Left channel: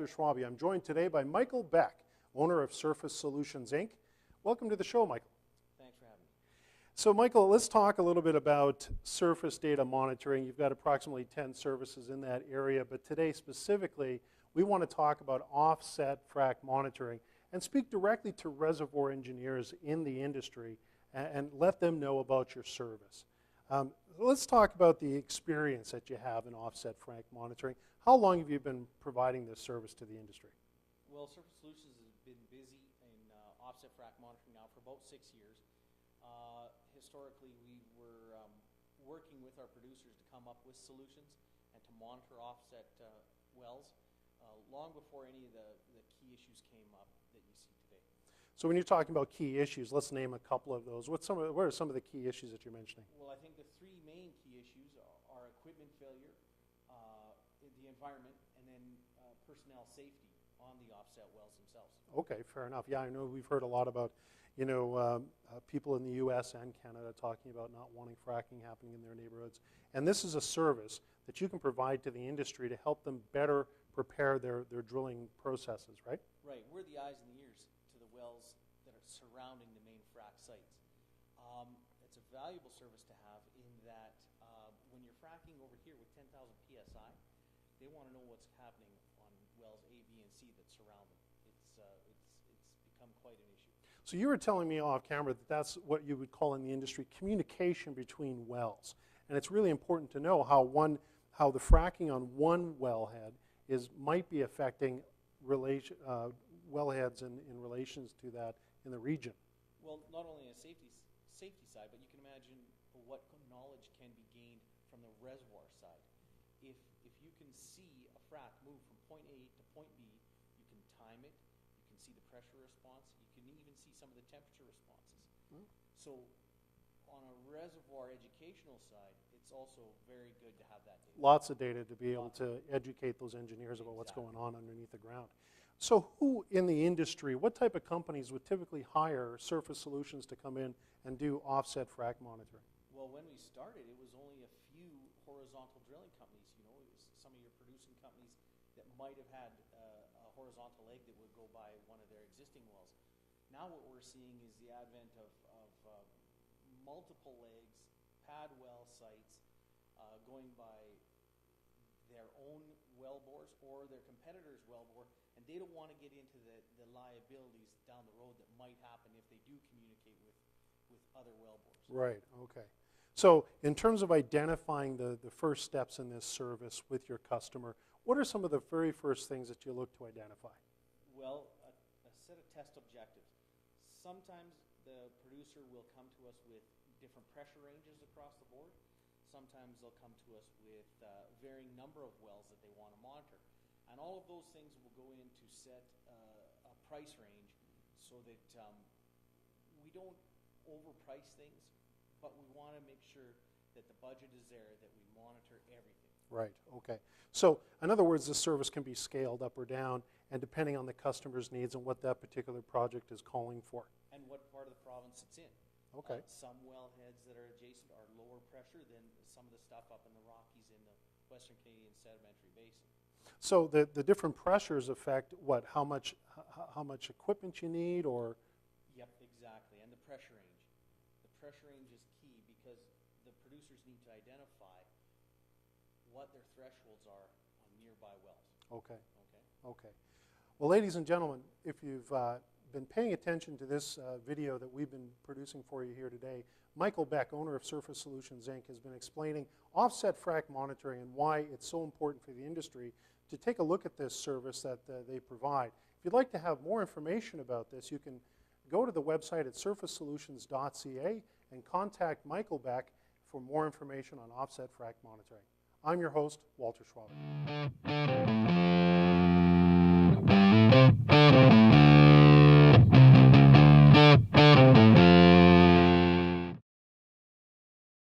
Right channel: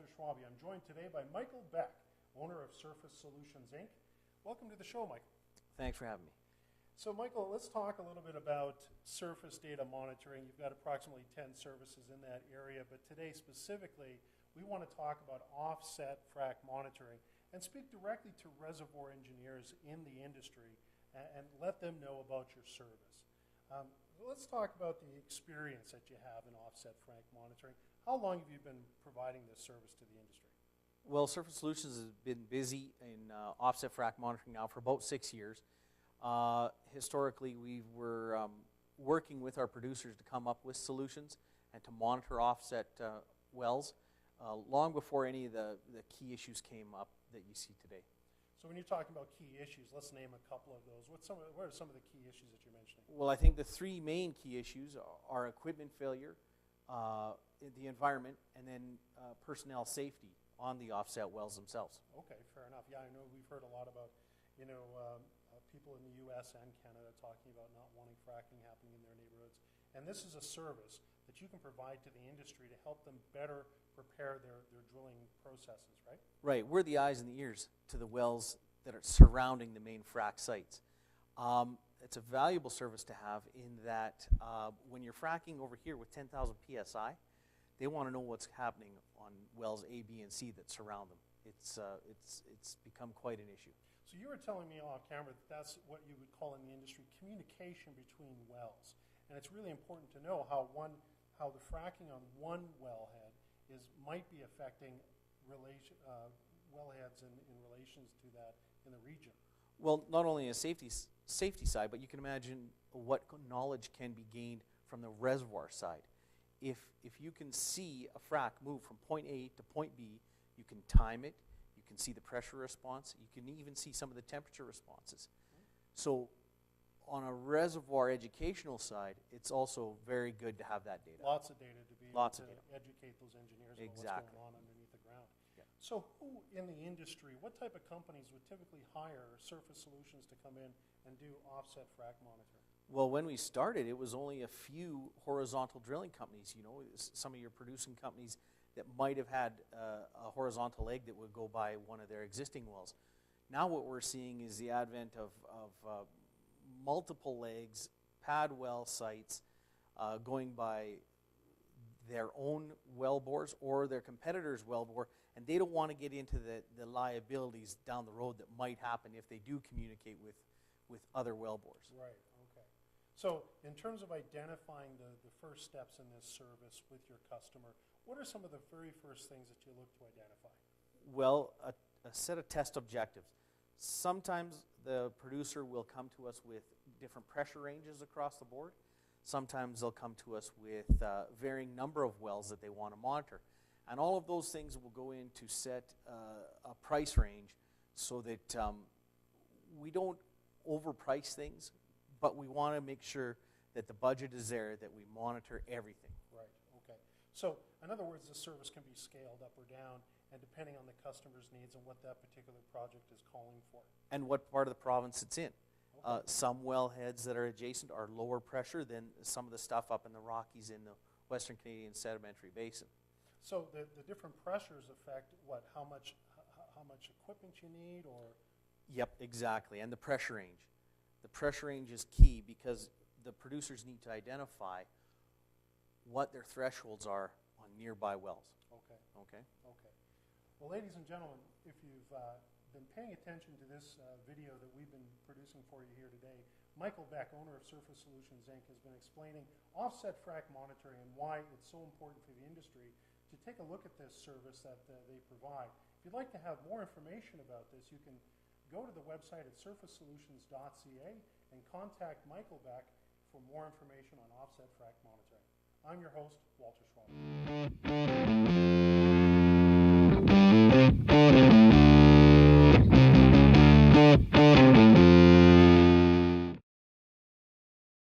Walter Schwabe. I'm joined today by Michael Beck, owner of Surface Solutions, Inc. Welcome to the show, Michael. Thanks for having me. So, Michael, let's talk a little bit about surface data monitoring. You've got approximately 10 services in that area, but today specifically, we want to talk about offset frac monitoring and speak directly to reservoir engineers in the industry and let them know about your service. Let's talk about the experience that you have in offset frac monitoring. How long have you been providing this service to the industry? Well, Surface Solutions has been busy in offset frac monitoring now for about 6 years. Historically, we were working with our producers to come up with solutions and to monitor offset wells long before any of the key issues came up that you see today. So when you're talking about key issues, let's name a couple of those. What are some of the key issues that you're mentioning? Well, I think the three main key issues are equipment failure, the environment, and then personnel safety on the offset wells themselves. Okay, fair enough. Yeah, I know we've heard a lot about, people in the U.S. and Canada talking about not wanting fracking happening in their neighborhoods. And this is a service that you can provide to the industry to help them better prepare their drilling processes, right? Right. We're the eyes and the ears to the wells that are surrounding the main frac sites. It's a valuable service to have in that when you're fracking over here with 10,000 PSI, they want to know what's happening on wells A, B, and C that surround them. It's become quite an issue. So you were telling me off camera that that's what you would call in the industry communication between wells. And it's really important to know how the fracking on one wellhead might be affecting wellheads in relations to that in the region. Well, not only a safety side, but you can imagine what knowledge can be gained from the reservoir side. If you can see a frac move from point A to point B, you can time it, you can see the pressure response, you can even see some of the temperature responses. So on a reservoir educational side, it's also very good to have that data. Lots of data to be able to educate those engineers about what's going on underneath the ground. Yeah. So who in the industry, what type of companies would typically hire Surface Solutions to come in and do offset frac monitoring? Well, when we started, it was only a few horizontal drilling companies. Some of your producing companies that might have had a horizontal leg that would go by one of their existing wells. Now what we're seeing is the advent of multiple legs, pad well sites, going by their own well bores or their competitor's well bore, and they don't want to get into the liabilities down the road that might happen if they do communicate with other well bores. Right, okay. So in terms of identifying the first steps in this service with your customer, what are some of the very first things that you look to identify? Well, a set of test objectives. Sometimes the producer will come to us with different pressure ranges across the board. Sometimes they'll come to us with varying number of wells that they want to monitor. And all of those things will go in to set a price range so that we don't overprice things, but we want to make sure that the budget is there, that we monitor everything. Right, okay. So in other words, the service can be scaled up or down, and depending on the customer's needs and what that particular project is calling for. And what part of the province it's in. Okay. Some wellheads that are adjacent are lower pressure than some of the stuff up in the Rockies in the Western Canadian Sedimentary Basin. So the different pressures affect what? How much equipment you need, or? Yep, exactly. And the pressure range. The pressure range is key because the producers need to identify what their thresholds are on nearby wells. Okay. Okay. Okay. Well, ladies and gentlemen, if you've been paying attention to this video that we've been producing for you here today, Michael Beck, owner of Surface Solutions, Inc., has been explaining offset frac monitoring and why it's so important for the industry to take a look at this service that they provide. If you'd like to have more information about this, you can go to the website at surfacesolutions.ca and contact Michael Beck for more information on offset frac monitoring. I'm your host, Walter Schwabe.